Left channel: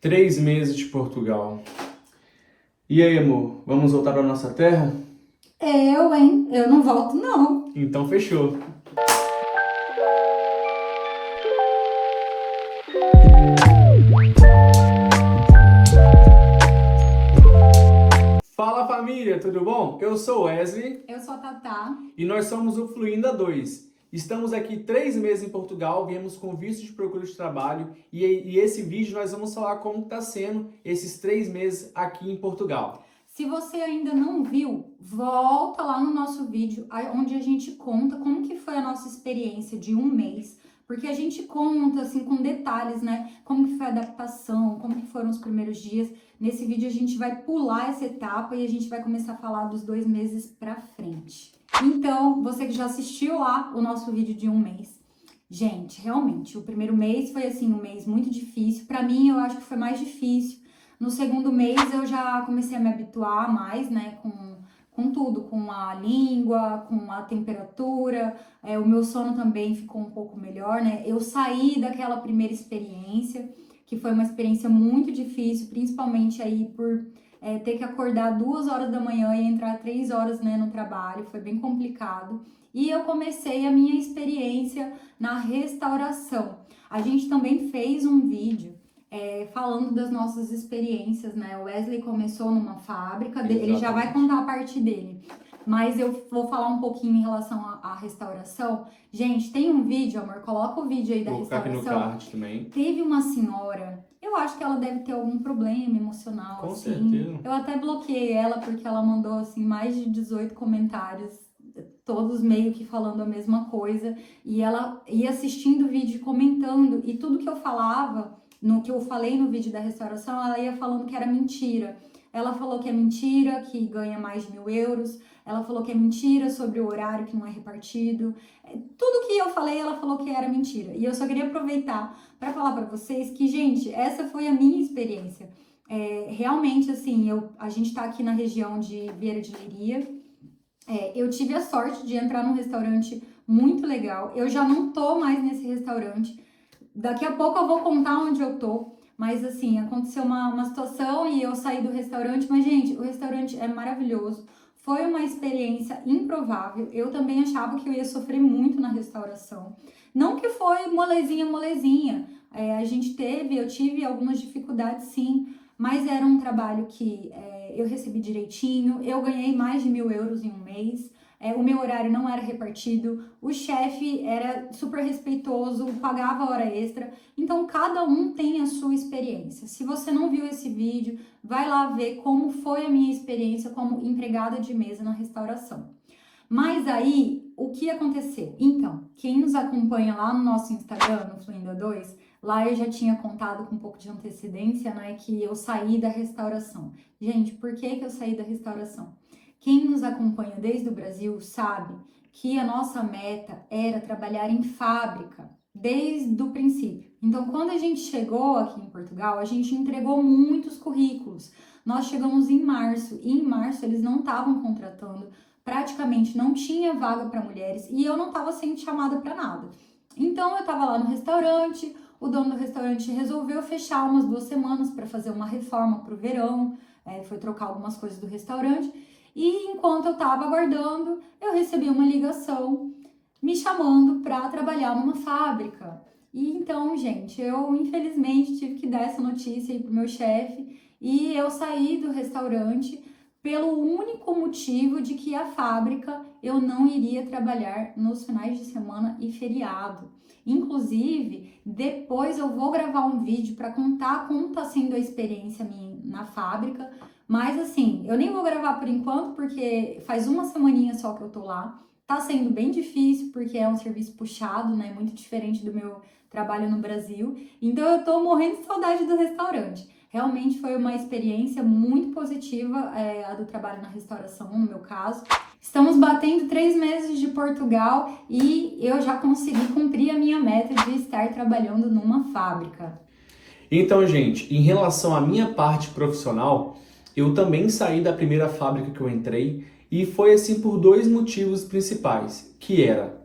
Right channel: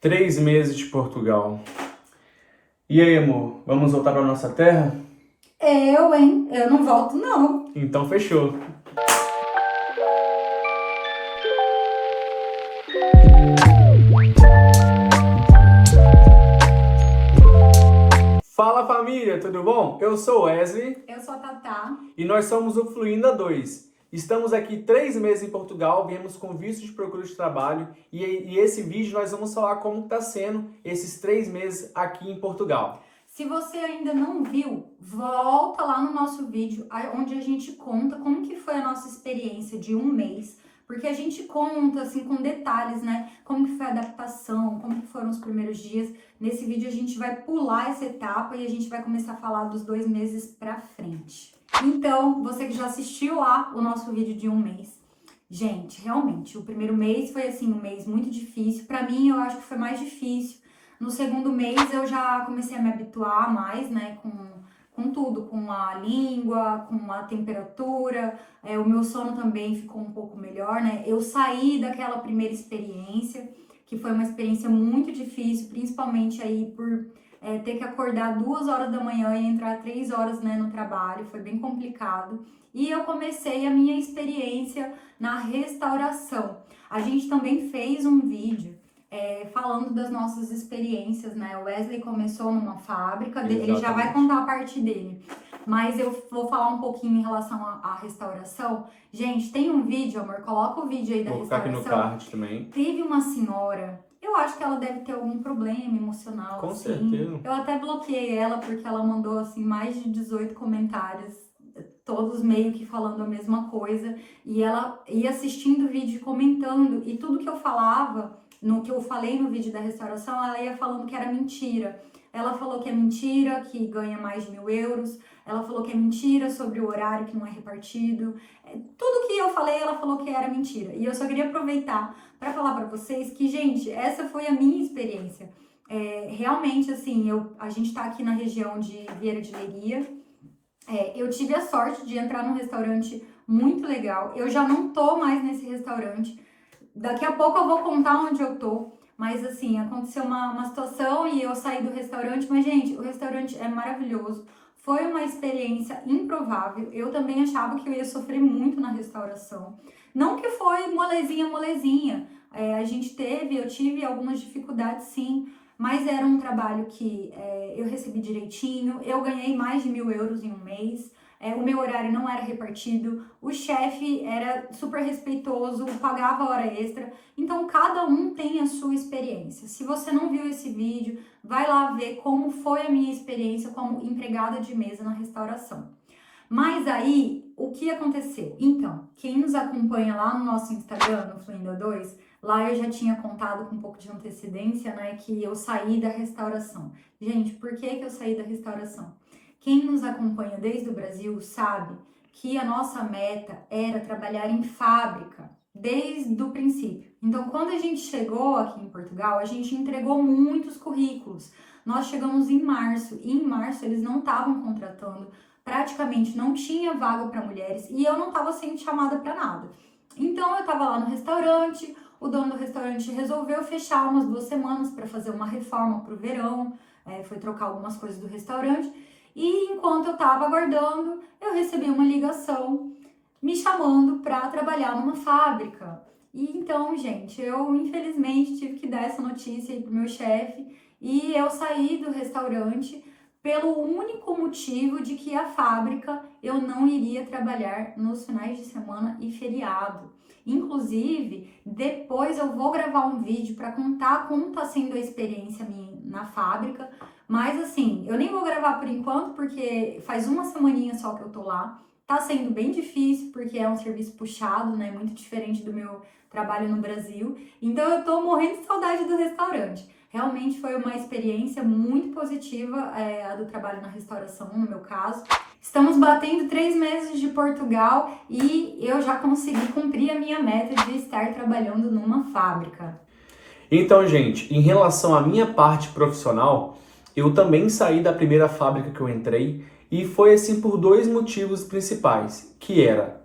3 meses de Portugal. E aí, amor, vamos voltar para nossa terra? Eu, hein? Eu não volto, não. Então fechou. Fala família, tudo bom? Eu sou Wesley Eu sou a Tatá. e nós somos o Fluindo A2. Estamos aqui 3 meses em Portugal, viemos com visto de procura de trabalho e esse vídeo nós vamos falar como está sendo esses 3 meses aqui em Portugal. Se você ainda não viu, volta lá no nosso vídeo, onde a gente conta como que foi a nossa experiência de um mês, porque a gente conta, assim, com detalhes, né? Como que foi a adaptação, como que foram os primeiros dias. Nesse vídeo a gente vai pular essa etapa e a gente vai começar a falar dos 2 meses pra frente. Então, você que já assistiu lá o nosso vídeo de um mês, gente, realmente, o primeiro mês foi, assim, um mês muito difícil. Pra mim, eu acho que foi mais difícil. No segundo mês eu já comecei a me habituar mais, né, com tudo, com a língua, com a temperatura, o meu sono também ficou um pouco melhor, né? Eu saí daquela primeira experiência, que foi uma experiência muito difícil, principalmente aí por ter que acordar 2 horas da manhã e entrar 3 horas, né, no trabalho, foi bem complicado. E eu comecei a minha experiência na restauração. A gente também fez um vídeo falando das nossas experiências, né? O Wesley começou numa fábrica, ele já vai contar a parte dele. Mas eu vou falar um pouquinho em relação à restauração. Gente, tem um vídeo, amor, coloca o vídeo aí da Vou ficar restauração. aqui no card também. Teve uma senhora, eu acho que ela deve ter algum problema emocional, Com assim. certeza. Eu até bloqueei ela porque ela mandou, assim, mais de 18 comentários, todos meio que falando a mesma coisa. E ela ia assistindo o vídeo, comentando, e tudo que eu falava, no que eu falei no vídeo da restauração, ela ia falando que era mentira. Ela falou que é mentira, que ganha mais de 1.000 euros. Ela falou que é mentira sobre o horário que não é repartido. Tudo que eu falei, ela falou que era mentira. E eu só queria aproveitar para falar para vocês que, gente, essa foi a minha experiência. Realmente, assim, a gente tá aqui na região de Vieira de Leiria. Eu tive a sorte de entrar num restaurante muito legal. Eu já não tô mais nesse restaurante. Daqui a pouco eu vou contar onde eu tô, mas assim, aconteceu uma situação e eu saí do restaurante, mas gente, o restaurante é maravilhoso, foi uma experiência improvável, eu também achava que eu ia sofrer muito na restauração, não que foi molezinha, eu tive algumas dificuldades sim, mas era um trabalho que eu recebi direitinho, eu ganhei mais de 1.000 euros em um mês, o meu horário não era repartido, o chefe era super respeitoso, pagava hora extra, então cada um tem a sua experiência. Se você não viu esse vídeo, vai lá ver como foi a minha experiência como empregada de mesa na restauração. Mas aí, o que aconteceu? Então, quem nos acompanha lá no nosso Instagram, no Fluindo A2, lá eu já tinha contado com um pouco de antecedência, né, que eu saí da restauração. Gente, por que eu saí da restauração? Quem nos acompanha desde o Brasil sabe que a nossa meta era trabalhar em fábrica desde o princípio. Então, quando a gente chegou aqui em Portugal, a gente entregou muitos currículos. Nós chegamos em março e em março eles não estavam contratando, praticamente não tinha vaga para mulheres e eu não estava sendo chamada para nada. Então, eu estava lá no restaurante, o dono do restaurante resolveu fechar umas 2 semanas para fazer uma reforma para o verão, foi trocar algumas coisas do restaurante. E enquanto eu estava aguardando, eu recebi uma ligação me chamando para trabalhar numa fábrica. E então, gente, eu infelizmente tive que dar essa notícia aí pro meu chefe e eu saí do restaurante pelo único motivo de que a fábrica eu não iria trabalhar nos finais de semana e feriado. Inclusive, depois eu vou gravar um vídeo para contar como está sendo a experiência minha na fábrica. Mas assim, eu nem vou gravar por enquanto, porque faz uma semaninha só que eu tô lá. Tá sendo bem difícil, porque é um serviço puxado, né? Muito diferente do meu trabalho no Brasil. Então eu tô morrendo de saudade do restaurante. Realmente foi uma experiência muito positiva, a do trabalho na restauração, no meu caso. Estamos batendo 3 meses de Portugal e eu já consegui cumprir a minha meta de estar trabalhando numa fábrica. Então, gente, em relação à minha parte profissional, eu também saí da primeira fábrica que eu entrei e foi assim por 2 motivos principais, que era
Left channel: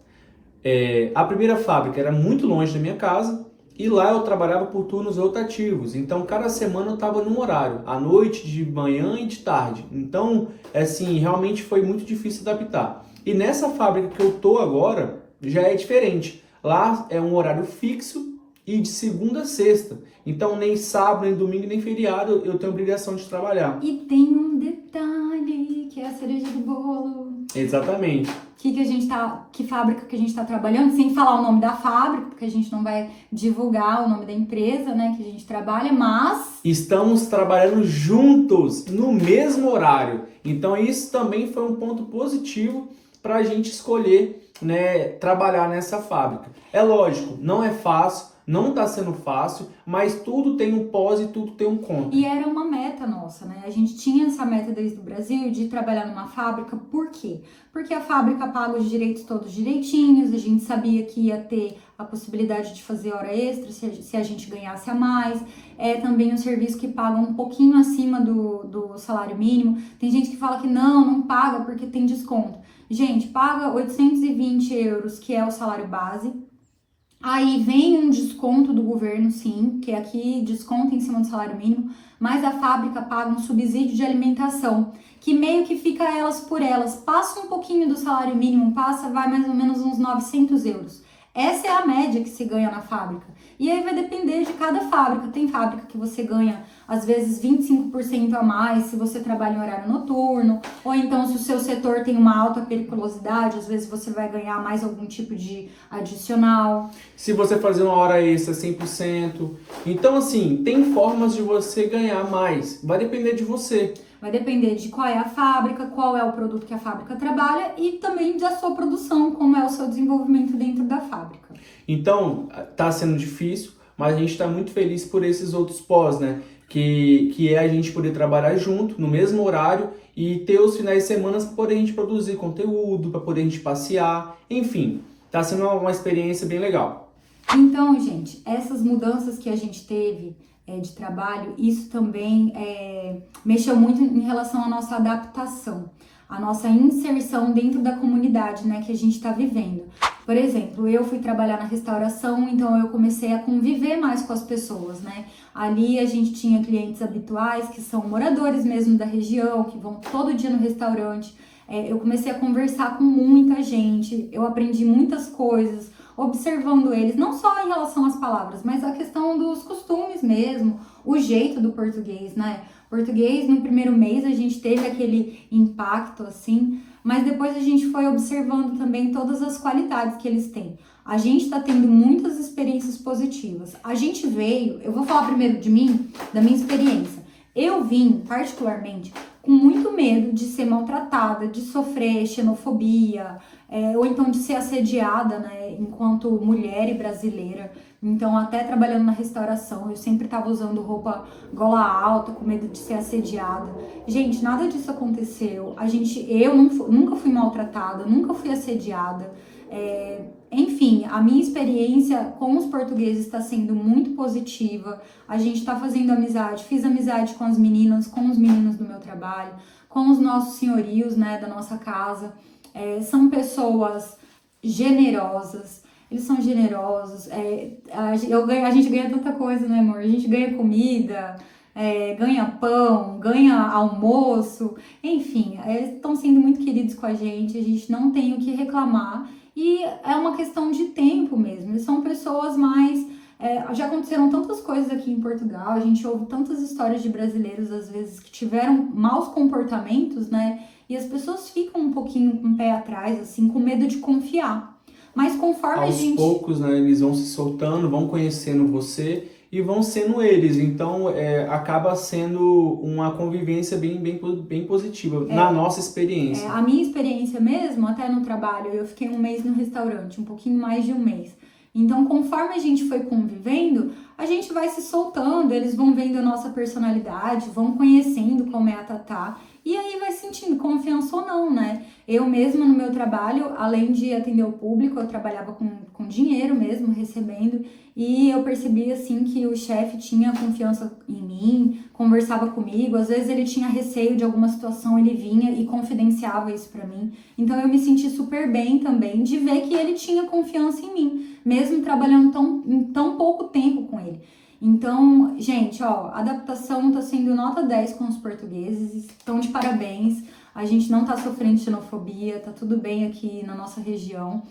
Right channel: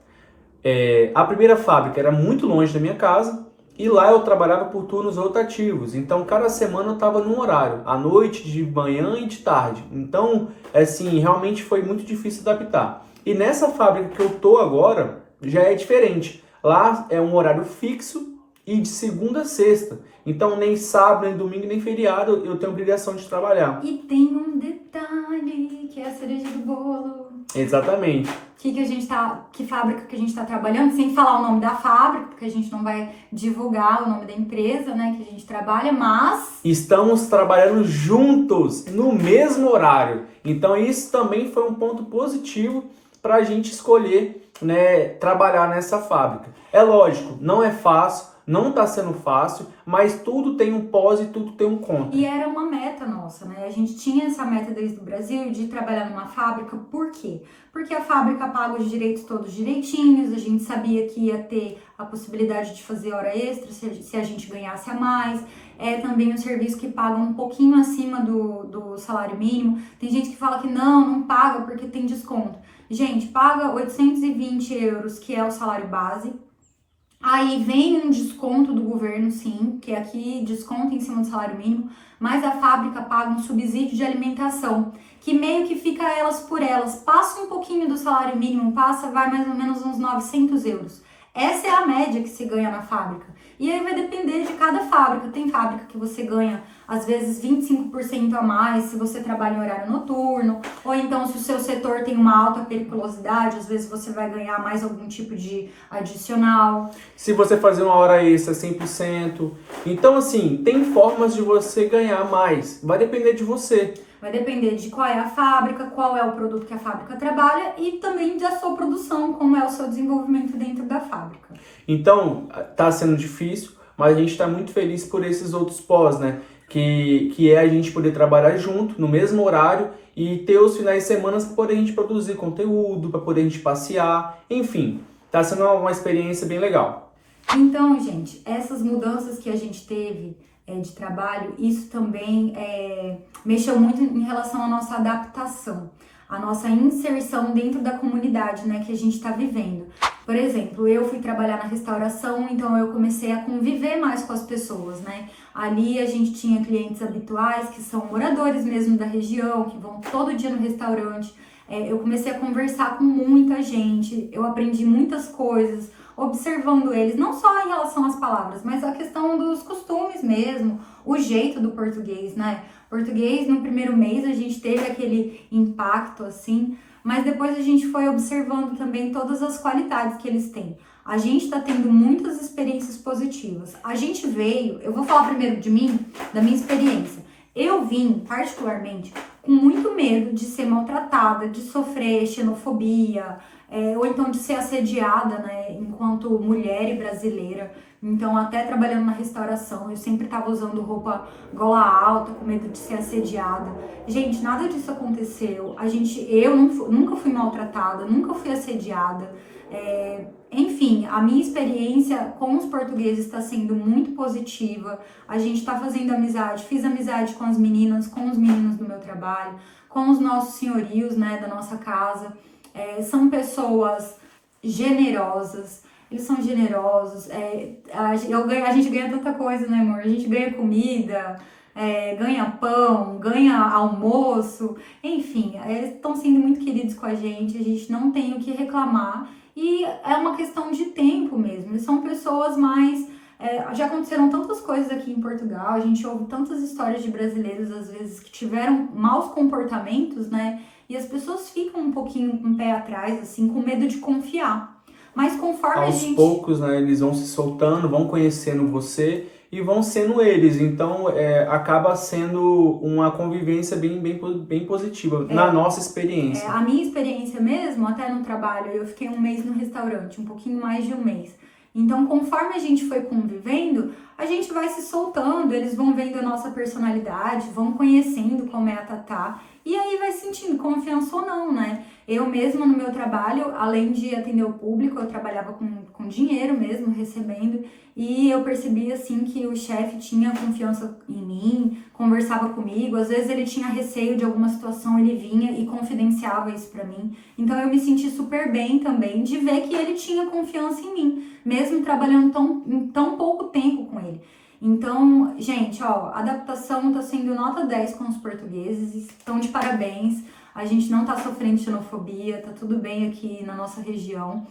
a primeira fábrica era muito longe da minha casa E lá eu trabalhava por turnos rotativos, então cada semana eu estava num horário, à noite, de manhã e de tarde. Então, assim, realmente foi muito difícil adaptar. E nessa fábrica que eu tô agora, já é diferente. Lá é um horário fixo e de segunda a sexta. Então, nem sábado, nem domingo, nem feriado eu tenho obrigação de trabalhar. E tem um detalhe que é a cereja do bolo. Exatamente. Que fábrica que a gente tá trabalhando, sem falar o nome da fábrica, porque a gente não vai divulgar o nome da empresa, né, que a gente trabalha, mas estamos trabalhando juntos no mesmo horário. Então isso também foi um ponto positivo para a gente escolher, né, trabalhar nessa fábrica. É lógico, não é fácil, não está sendo fácil, mas tudo tem um pós e tudo tem um contra. E era uma meta nossa, né? A gente tinha essa meta desde o Brasil de trabalhar numa fábrica. Por quê? Porque a fábrica paga os direitos todos direitinhos, a gente sabia que ia ter a possibilidade de fazer hora extra se a gente ganhasse a mais. É também um serviço que paga um pouquinho acima do salário mínimo. Tem gente que fala que não paga porque tem desconto. Gente, paga 820 euros, que é o salário base. Aí vem um desconto do governo, sim, que aqui desconta em cima do salário mínimo, mas a fábrica paga um subsídio de alimentação, que meio que fica elas por elas. Passa um pouquinho do salário mínimo, vai mais ou menos uns 900 euros. Essa é a média que se ganha na fábrica. E aí vai depender de cada fábrica. Tem fábrica que você ganha, às vezes, 25% a mais se você trabalha em horário noturno. Ou então, se o seu setor tem uma alta periculosidade, às vezes você vai ganhar mais algum tipo de adicional. Se você fazer uma hora extra, 100%. Então, assim, tem formas de você ganhar mais. Vai depender de você. Vai depender de qual é a fábrica, qual é o produto que a fábrica trabalha e também da sua produção, como é o seu desenvolvimento dentro da fábrica. Então, tá sendo difícil, mas a gente está muito feliz por esses outros pós, né? Que é a gente poder trabalhar junto, no mesmo horário, e ter os finais de semana para poder a gente produzir conteúdo, para poder a gente passear, enfim. Tá sendo uma experiência bem legal. Então, gente, essas mudanças que a gente teve de trabalho, isso também mexeu muito em relação à nossa adaptação, à nossa inserção dentro da comunidade, né, que a gente está vivendo. Por exemplo, eu fui trabalhar na restauração, então eu comecei a conviver mais com as pessoas, né? Ali a gente tinha clientes habituais, que são moradores mesmo da região, que vão todo dia no restaurante. Eu comecei a conversar com muita gente, eu aprendi muitas coisas, observando eles, não só em relação às palavras, mas a questão dos costumes mesmo, o jeito do português, né? Português, no primeiro mês, a gente teve aquele impacto, assim, mas depois a gente foi observando também todas as qualidades que eles têm. A gente está tendo muitas experiências positivas. A gente veio, eu vou falar primeiro de mim, da minha experiência. Eu vim, particularmente, com muito medo de ser maltratada, de sofrer xenofobia, ou então de ser assediada, né, enquanto mulher e brasileira. Então, até trabalhando na restauração, eu sempre estava usando roupa gola alta, com medo de ser assediada. Gente, nada disso aconteceu. Eu nunca fui maltratada, nunca fui assediada. Enfim, a minha experiência com os portugueses está sendo muito positiva. A gente está fazendo amizade, fiz amizade com as meninas, com os meninos do meu trabalho, com os nossos senhorios, né, da nossa casa. São pessoas generosas. Eles são generosos, a gente ganha tanta coisa, né, amor? A gente ganha comida, ganha pão, ganha almoço, enfim, estão sendo muito queridos com a gente não tem o que reclamar, e é uma questão de tempo mesmo. Eles são pessoas mais... já aconteceram tantas coisas aqui em Portugal, a gente ouve tantas histórias de brasileiros, às vezes, que tiveram maus comportamentos, né, e as pessoas ficam um pouquinho com o pé atrás, assim, com medo de confiar. Mas conforme aos poucos, né, eles vão se soltando, vão conhecendo você e vão sendo eles. Então, acaba sendo uma convivência bem positiva, na nossa experiência. A minha experiência mesmo, até no trabalho, eu fiquei um mês no restaurante, um pouquinho mais de um mês. Então, conforme a gente foi convivendo, a gente vai se soltando, eles vão vendo a nossa personalidade, vão conhecendo como é a Tatá, e aí vai sentindo confiança ou não, né? Eu mesma no meu trabalho, além de atender o público, eu trabalhava com dinheiro mesmo, recebendo, e eu percebi assim que o chefe tinha confiança em mim, conversava comigo, às vezes ele tinha receio de alguma situação, ele vinha e confidenciava isso pra mim. Então eu me senti super bem também de ver que ele tinha confiança em mim, mesmo trabalhando em tão pouco tempo com ele. Então, gente, ó, a adaptação tá sendo nota 10 com os portugueses, estão de parabéns. A gente não tá sofrendo xenofobia, tá tudo bem aqui na nossa região.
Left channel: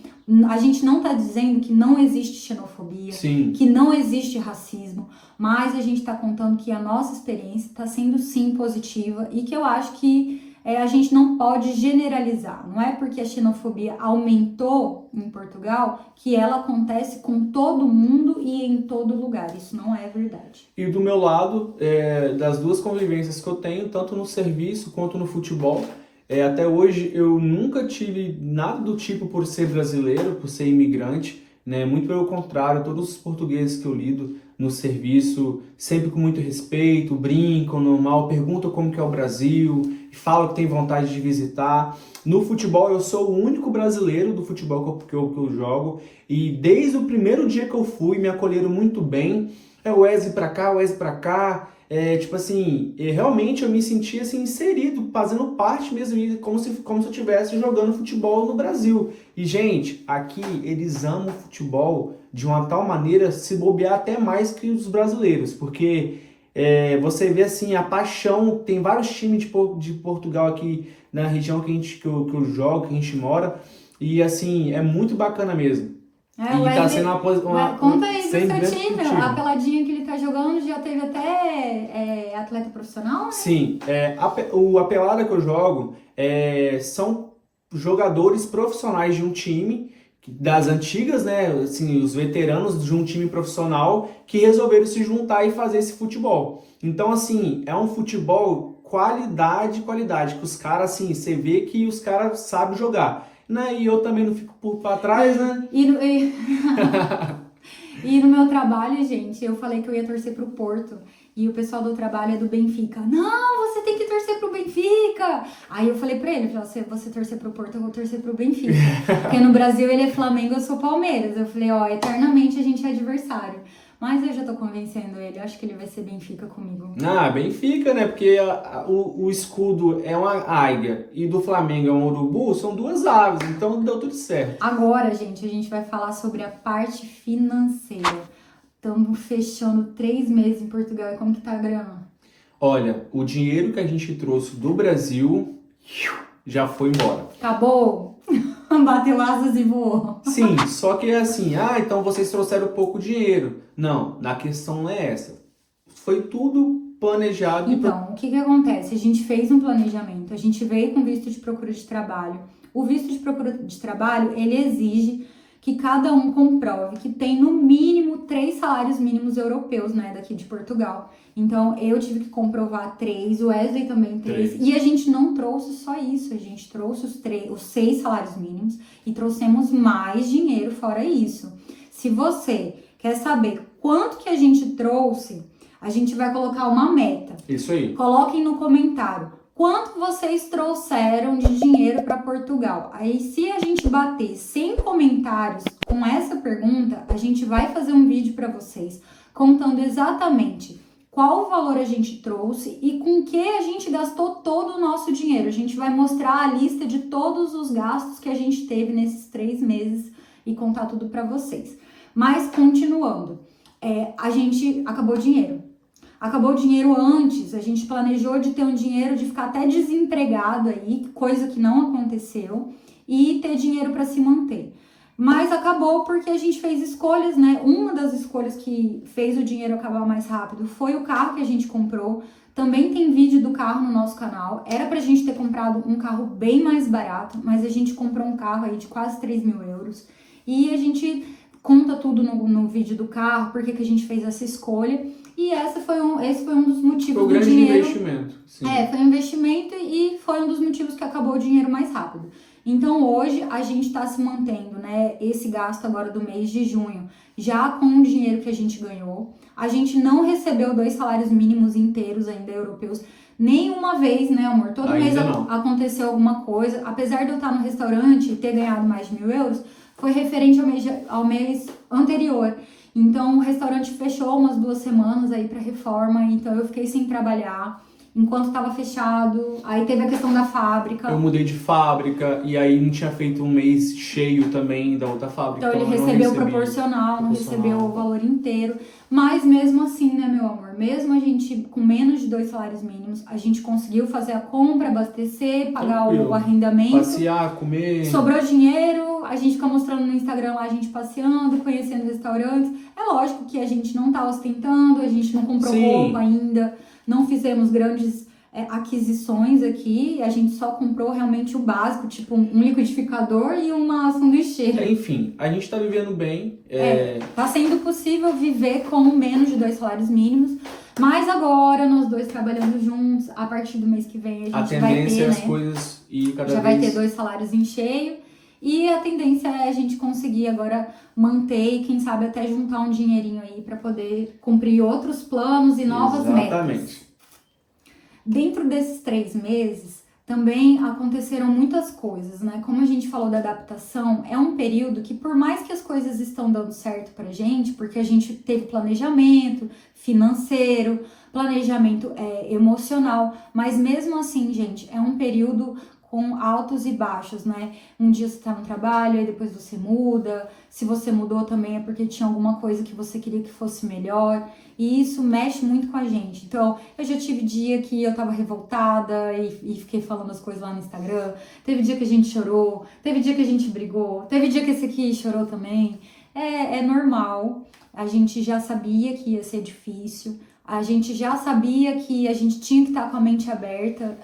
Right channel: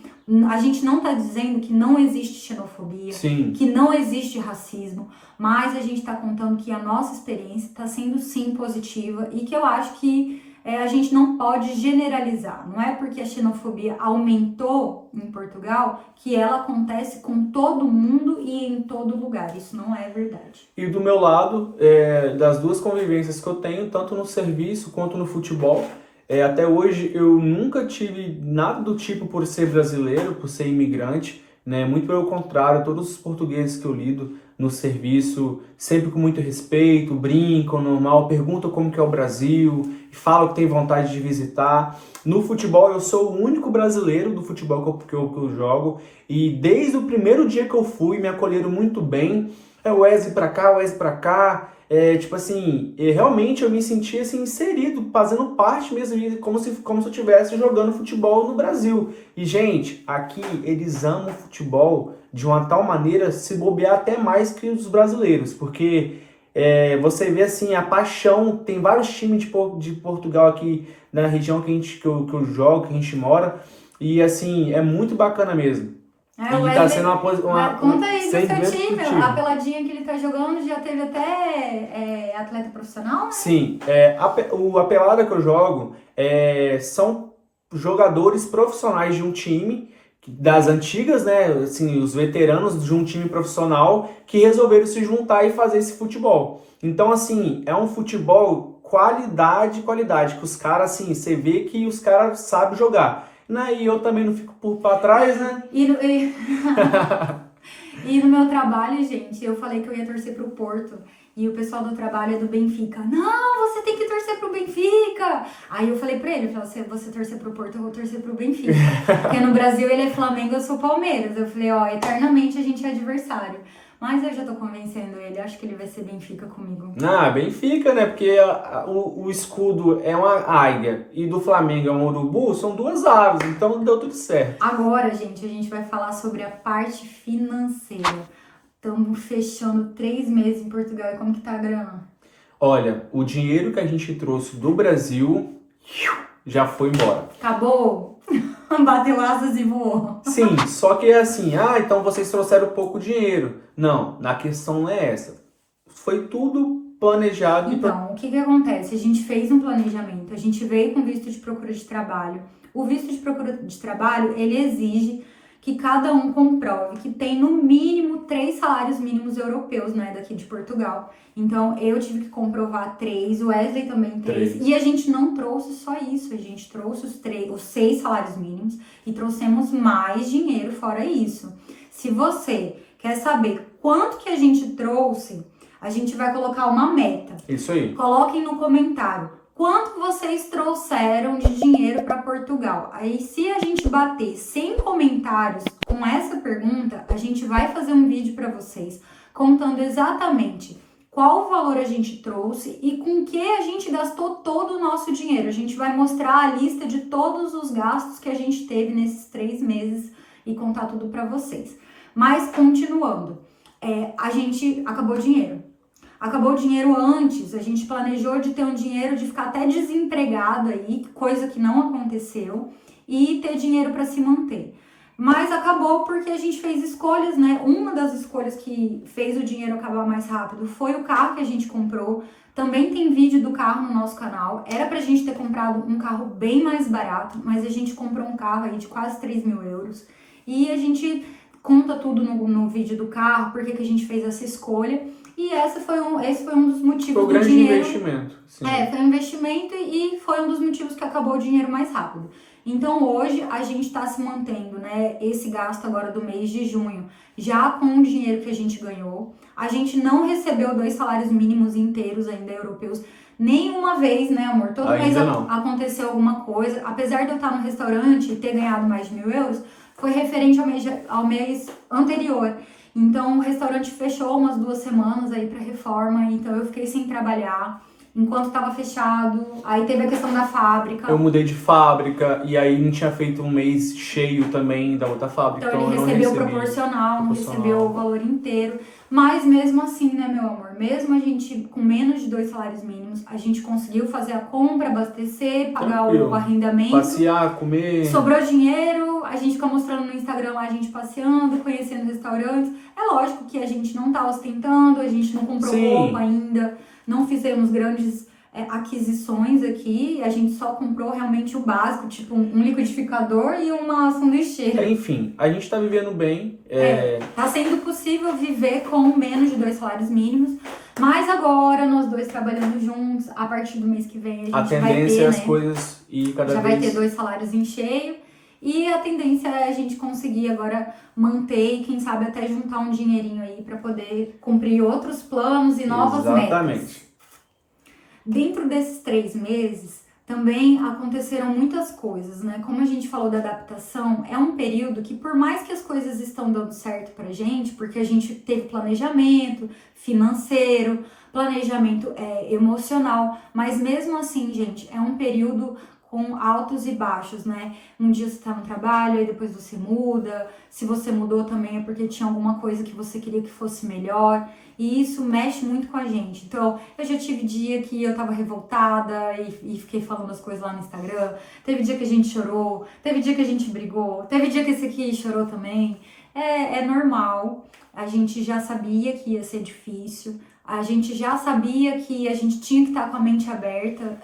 A gente não tá dizendo que não existe xenofobia, Sim. que não existe racismo, mas a gente tá contando que a nossa experiência tá sendo sim positiva e que eu acho que a gente não pode generalizar. Não é porque a xenofobia aumentou em Portugal que ela acontece com todo mundo e em todo lugar. Isso não é verdade. E do meu lado, das duas convivências que eu tenho, tanto no serviço quanto no futebol, até hoje eu nunca tive nada do tipo por ser brasileiro, por ser imigrante, né? Muito pelo contrário, todos os portugueses que eu lido no serviço, sempre com muito respeito, brincam, normal, perguntam como que é o Brasil, falam que tem vontade de visitar. No futebol, eu sou o único brasileiro do futebol que eu jogo, e desde o primeiro dia que eu fui, me acolheram muito bem. O Wesley pra cá, o Wesley pra cá. Tipo assim, realmente eu me senti assim, inserido, fazendo parte mesmo, como se eu estivesse jogando futebol no Brasil. E, gente, aqui eles amam futebol de uma tal maneira, se bobear até mais que os brasileiros, porque você vê assim, a paixão, tem vários times de Portugal aqui na região que eu jogo, que a gente mora, e assim, é muito bacana mesmo. E tá sendo conta aí do seu time, a peladinha que ele tá jogando já teve até atleta profissional, né? Sim, a pelada que eu jogo são jogadores profissionais de um time, das antigas, né? Assim, os veteranos de um time profissional que resolveram se juntar e fazer esse futebol. Então, assim, é um futebol qualidade, que os caras, assim, você vê que os caras sabem jogar. Né? E eu também não fico pra trás, né? E no meu trabalho, gente, eu falei que eu ia torcer pro Porto. E o pessoal do trabalho é do Benfica. Não, você tem que torcer pro Benfica. Aí eu falei pra ele, se você torcer pro Porto, eu vou torcer pro Benfica. Porque no Brasil ele é Flamengo, eu sou Palmeiras. Eu falei, ó, eternamente a gente é adversário. Mas eu já tô convencendo ele, acho que ele vai ser Benfica comigo. Benfica, né? Porque o escudo é uma águia e do Flamengo é um urubu, são duas aves, então deu tudo certo. Agora, gente, a gente vai falar sobre a parte financeira. Estamos fechando 3 meses em Portugal, e como que tá a grana? Olha, o dinheiro que a gente trouxe do Brasil já foi embora. Acabou? Bateu asas e voou. Sim, só que é assim, então vocês trouxeram pouco dinheiro. Não, na questão não é essa. Foi tudo planejado. Então, o que acontece? A gente fez um planejamento, a gente veio com visto de procura de trabalho. O visto de procura de trabalho, ele exige que cada um comprove que tem no mínimo 3 salários mínimos europeus, né, daqui de Portugal. Então, eu tive que comprovar 3, o Wesley também 3. E a gente não trouxe só isso, a gente trouxe os 6 salários mínimos e trouxemos mais dinheiro fora isso. Se você quer saber quanto que a gente trouxe, a gente vai colocar uma meta. Isso aí. Coloquem no comentário quanto vocês trouxeram de dinheiro para Portugal. Aí, se a gente bater 100 comentários com essa pergunta, a gente vai fazer um vídeo para vocês contando exatamente qual valor a gente trouxe e com que a gente gastou todo o nosso dinheiro. A gente vai mostrar a lista de todos os gastos que a gente teve nesses 3 meses e contar tudo para vocês. Mas, continuando, a gente acabou o dinheiro. Acabou o dinheiro antes, a gente planejou de ter um dinheiro, de ficar até desempregado aí, coisa que não aconteceu, e ter dinheiro para se manter. Mas acabou porque a gente fez escolhas, né? Uma das escolhas que fez o dinheiro acabar mais rápido foi o carro que a gente comprou. Também tem vídeo do carro no nosso canal. Era pra gente ter comprado um carro bem mais barato, mas a gente comprou um carro aí de quase 3 mil euros. E a gente conta tudo no vídeo do carro, porque que a gente fez essa escolha. E esse foi um dos motivos foi um grande investimento. Sim. Foi um investimento e foi um dos motivos que acabou o dinheiro mais rápido. Então, hoje, a gente está se mantendo, né, esse gasto agora do mês de junho, já com o dinheiro que a gente ganhou. A gente não recebeu 2 salários mínimos inteiros ainda europeus. Nenhuma vez, né, amor? Todo mês aconteceu alguma coisa. Apesar de eu estar no restaurante e ter ganhado mais de 1.000 euros, foi referente ao mês anterior. Então, o restaurante fechou umas 2 semanas aí para reforma, então eu fiquei sem trabalhar enquanto estava fechado. Aí teve a questão da fábrica. Eu mudei de fábrica e aí não tinha feito um mês cheio também da outra fábrica. Então ele recebeu proporcional, não recebeu o valor inteiro. Mas mesmo assim, né, meu amor? Mesmo a gente com menos de 2 salários mínimos, a gente conseguiu fazer a compra, abastecer, pagar o arrendamento. Passear, comer. Sobrou dinheiro, a gente fica mostrando no Instagram lá a gente passeando, conhecendo restaurantes. É lógico que a gente não tá ostentando, a gente não comprou roupa ainda, não fizemos grandes aquisições aqui, a gente só comprou realmente o básico, tipo um liquidificador e uma sanduicheira. Enfim, a gente tá vivendo bem. Tá sendo possível viver com menos de 2 salários mínimos, mas agora nós dois trabalhando juntos, a partir do mês que vem a gente vai ter, as coisas e cada já vez... vai ter 2 salários em cheio, e a tendência é a gente conseguir agora manter e quem sabe até juntar um dinheirinho aí para poder cumprir outros planos e novas metas. Dentro desses 3 meses, também aconteceram muitas coisas, né? Como a gente falou da adaptação, é um período que, por mais que as coisas estão dando certo pra gente, porque a gente teve planejamento financeiro, planejamento emocional, mas mesmo assim, gente, é um período com altos e baixos, né? Um dia você tá no trabalho, aí depois você muda. Se você mudou também é porque tinha alguma coisa que você queria que fosse melhor. E isso mexe muito com a gente. Então, eu já tive dia que eu tava revoltada e fiquei falando as coisas lá no Instagram. Teve dia que a gente chorou, teve dia que a gente brigou, teve dia que esse aqui chorou também. É normal. A gente já sabia que ia ser difícil. A gente já sabia que a gente tinha que estar com a mente aberta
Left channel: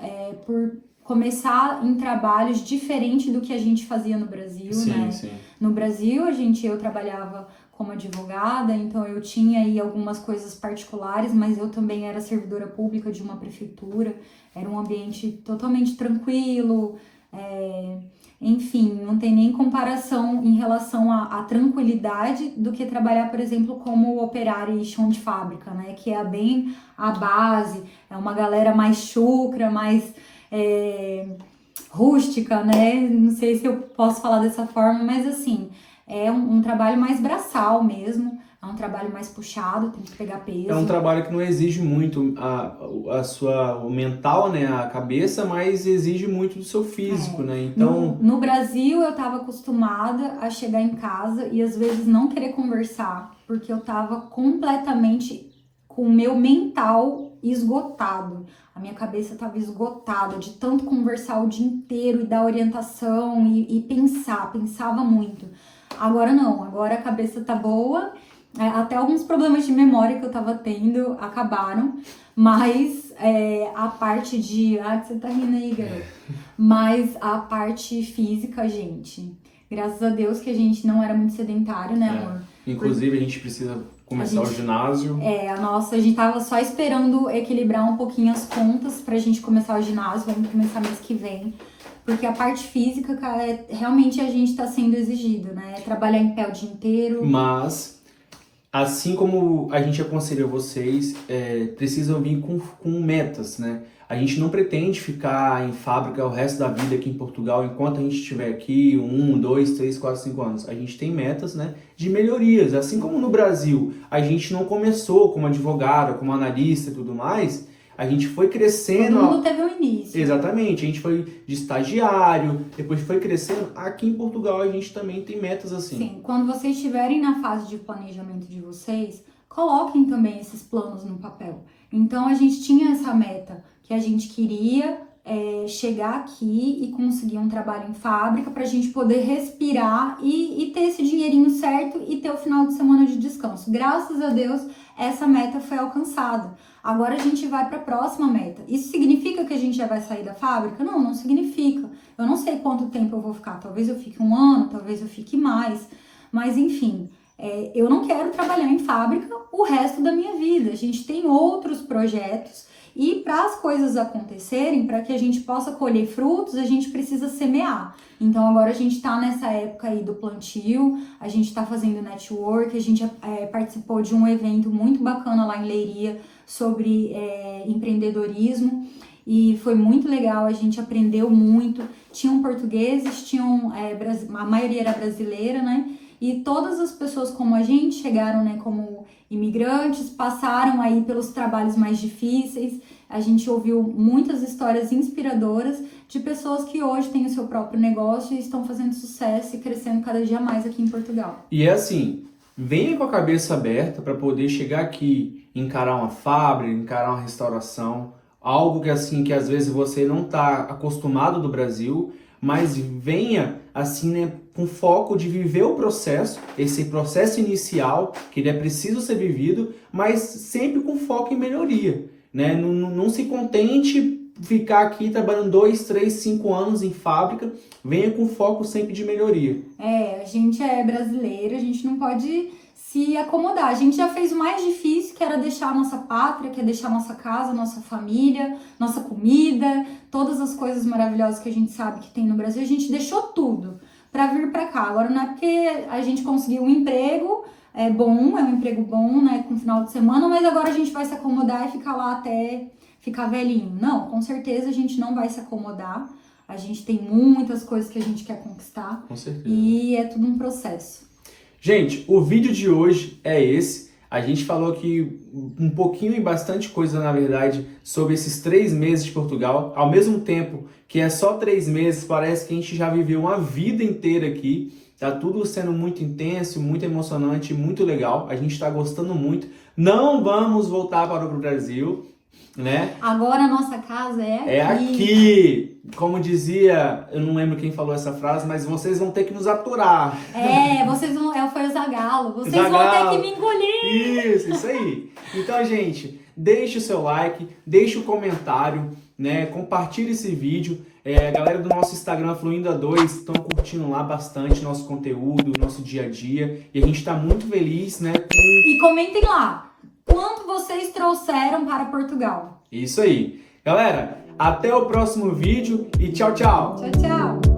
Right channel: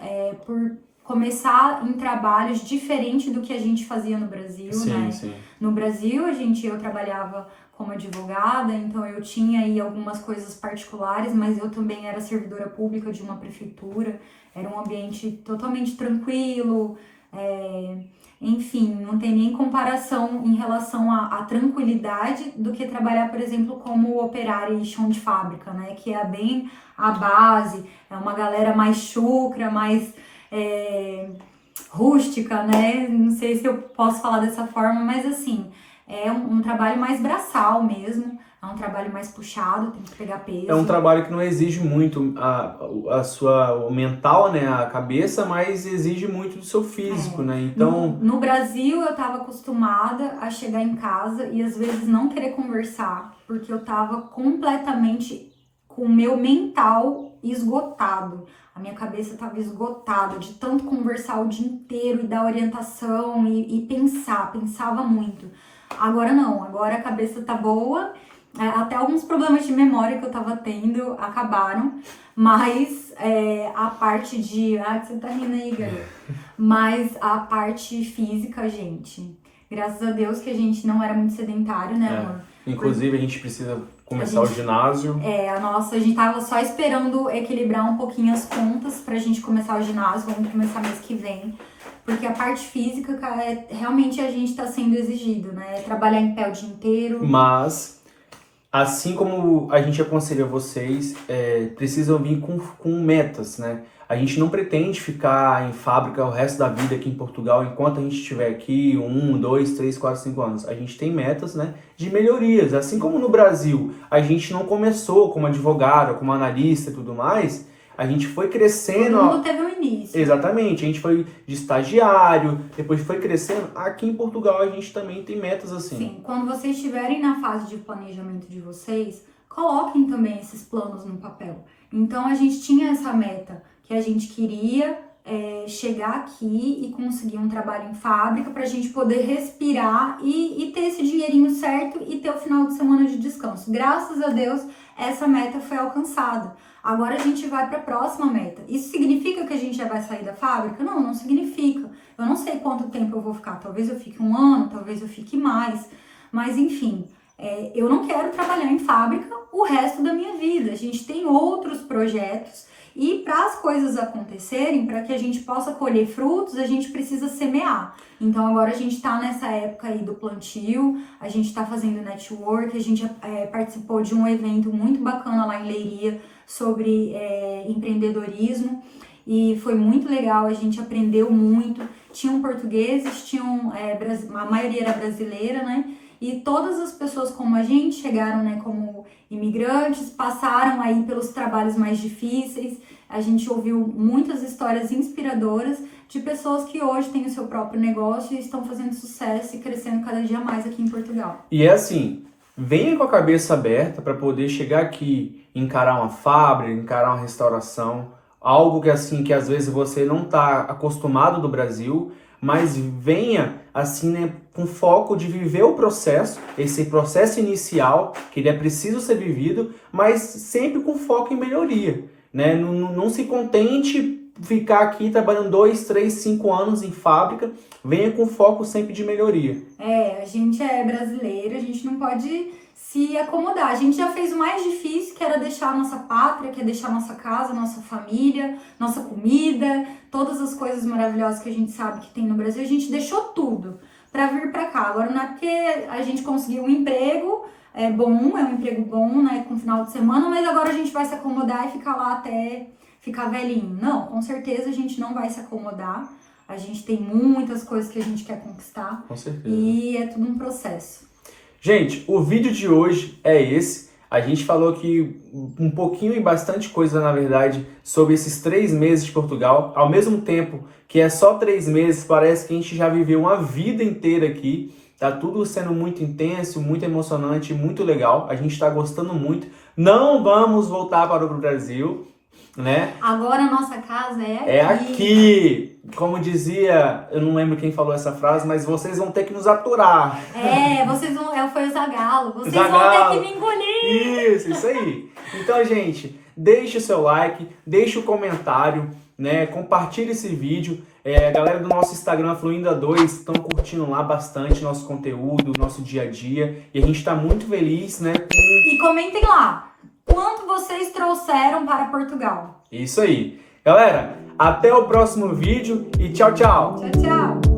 por começar em trabalhos diferentes do que a gente fazia no Brasil, né? Sim. No Brasil, eu trabalhava como advogada, então eu tinha aí algumas coisas particulares, mas eu também era servidora pública de uma prefeitura, era um ambiente totalmente tranquilo, enfim, não tem nem comparação em relação à tranquilidade do que trabalhar, por exemplo, como operária e chão de fábrica, né, que é bem a base, é uma galera mais chucra, mais rústica, né, não sei se eu posso falar dessa forma, mas assim, é um trabalho mais braçal mesmo, é um trabalho mais puxado, tem que pegar peso. É um trabalho que não exige muito o mental, né, a cabeça, mas exige muito do seu físico, né, então... No Brasil, eu tava acostumada a chegar em casa e às vezes não querer conversar, porque eu tava completamente com o meu mental esgotado. A minha cabeça estava esgotada de tanto conversar o dia inteiro e dar orientação e pensava muito. Agora não, agora a cabeça tá boa, até alguns problemas de memória que eu tava tendo acabaram, mas a parte de... Ah, que você tá rindo aí, galera. Mas a parte física, gente, graças a Deus que a gente não era muito sedentário, né, amor? Inclusive a gente precisa começar o ginásio. A gente tava só esperando equilibrar um pouquinho as contas pra gente começar o ginásio, vamos começar mês que vem. Porque a parte física, cara, realmente a gente tá sendo exigido, né? Trabalhar em pé o dia inteiro. Mas, assim como a gente aconselha vocês, precisam vir com metas, né? A gente não pretende ficar em fábrica o resto da vida aqui em Portugal enquanto a gente estiver aqui 1, 2, 3, 4, 5 anos. A gente tem metas, né, de melhorias. Assim como no Brasil a gente não começou como advogada, como analista e tudo mais, a gente foi crescendo... Todo mundo teve um início. Exatamente, a gente foi de estagiário, depois foi crescendo. Aqui em Portugal a gente também tem metas assim. Sim, quando vocês estiverem na fase de planejamento de vocês, coloquem também esses planos no papel. Então a gente tinha essa meta, que a gente queria chegar aqui e conseguir um trabalho em fábrica para a gente poder respirar e ter esse dinheirinho certo e ter o final de semana de descanso. Graças a Deus, essa meta foi alcançada. Agora a gente vai para a próxima meta. Isso significa que a gente já vai sair da fábrica? Não, não significa. Eu não sei quanto tempo eu vou ficar. Talvez eu fique 1 ano, talvez eu fique mais. Mas enfim, eu não quero trabalhar em fábrica o resto da minha vida. A gente tem outros projetos E para as coisas acontecerem, para que a gente possa colher frutos, a gente precisa semear. Então agora a gente está nessa época aí do plantio, a gente está fazendo network, a gente participou de um evento muito bacana lá em Leiria sobre empreendedorismo e foi muito legal, a gente aprendeu muito. Tinham portugueses, a maioria era brasileira, né? E todas as pessoas como a gente chegaram, né, como imigrantes, passaram aí pelos trabalhos mais difíceis. A gente ouviu muitas histórias inspiradoras de pessoas que hoje têm o seu próprio negócio e estão fazendo sucesso e crescendo cada dia mais aqui em Portugal. E é assim, venha com a cabeça aberta para poder chegar aqui, encarar uma fábrica, encarar uma restauração, algo que assim que às vezes você não está acostumado do Brasil, mas venha assim, né, com foco de viver o processo, esse processo inicial, que ele é preciso ser vivido, mas sempre com foco em melhoria, né? Não se contente ficar aqui trabalhando 2, 3, 5 anos em fábrica, venha com foco sempre de melhoria. A gente é brasileiro, a gente não pode se acomodar. A gente já fez o mais difícil, que era deixar a nossa pátria, que é deixar nossa casa, nossa família, nossa comida, todas as coisas maravilhosas que a gente sabe que tem no Brasil. A gente deixou tudo para vir para cá. Agora não é porque a gente conseguiu um emprego bom, é um emprego bom, né, com final de semana, mas agora a gente vai se acomodar e ficar lá até ficar velhinho. Não, com certeza a gente não vai se acomodar. A gente tem muitas coisas que a gente quer conquistar. Com certeza. E é tudo um processo. Gente, o vídeo de hoje é esse. A gente falou aqui um pouquinho e bastante coisa, na verdade, sobre esses 3 meses de Portugal. Ao mesmo tempo que é só 3 meses, parece que a gente já viveu uma vida inteira aqui. Tá tudo sendo muito intenso, muito emocionante, muito legal. A gente tá gostando muito. Não vamos voltar para o Brasil, né? Agora a nossa casa é aqui. É aqui! Como dizia, eu não lembro quem falou essa frase, mas vocês vão ter que nos aturar. Vocês vão... Foi o Zagalo. Vocês Zagalo. vão ter que me engolir. Isso aí. Então, gente, deixe o seu like, deixe o comentário, né? Compartilhe esse vídeo. A galera do nosso Instagram, Fluinda2, estão curtindo lá bastante nosso conteúdo, nosso dia a dia. E a gente está muito feliz, né? E comentem lá, quanto vocês trouxeram para Portugal? Isso aí. Galera, até o próximo vídeo e tchau, tchau. Tchau, tchau.